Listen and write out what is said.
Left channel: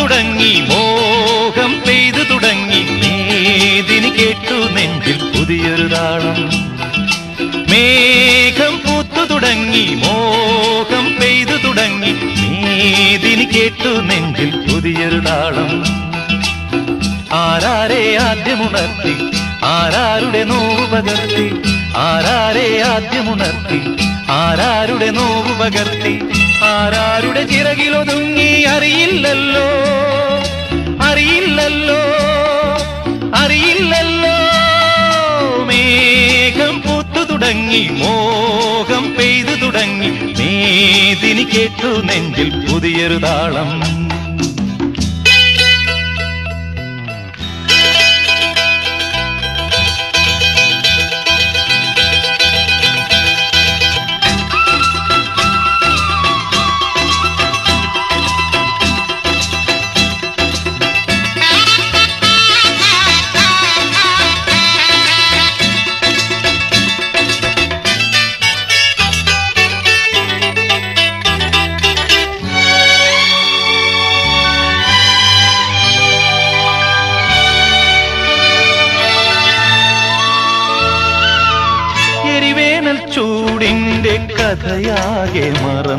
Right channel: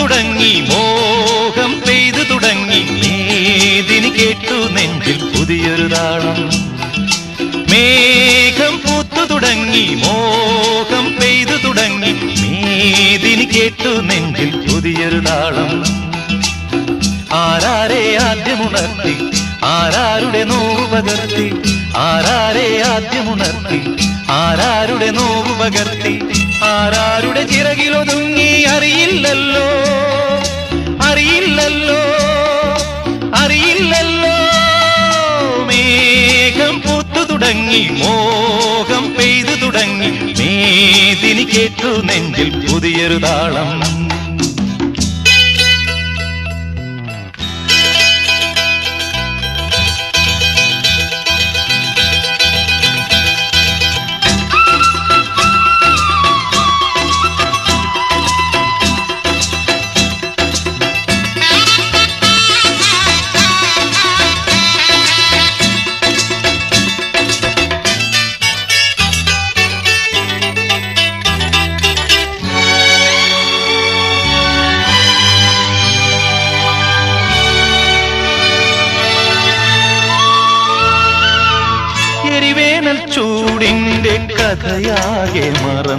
തുടങ്ങി മോഹം പെയ്തു തുടങ്ങി മേദിനി കേട്ടു നെഞ്ചിൽ പുതിയൊരു താളം. മേഘം പൂത്തു തുടങ്ങി മോഹം പെയ്തു തുടങ്ങി മേദിനി കേട്ടു നെഞ്ചിൽ പുതിയൊരു താളം. ആരാരെ ആദ്യമുണർത്തി ആരാരുടെ നോവ് പകർത്തി, ആരാരെ ആദ്യമുണർത്തി ആരാരുടെ നോവ് പകർത്തി, ആരാരുടെ ചിറകിലൊതുങ്ങി അറിയില്ലല്ലോ അറിയില്ലല്ലോ അറിയില്ലല്ലോ. മേഘം പൂത്തു തുടങ്ങി മോഹം പെയ്തു തുടങ്ങി മേദിനി കേട്ടു നെഞ്ചിൽ പുതിയൊരു താളം. ചൂടിന്റെ കഥയാകെ മറന്നു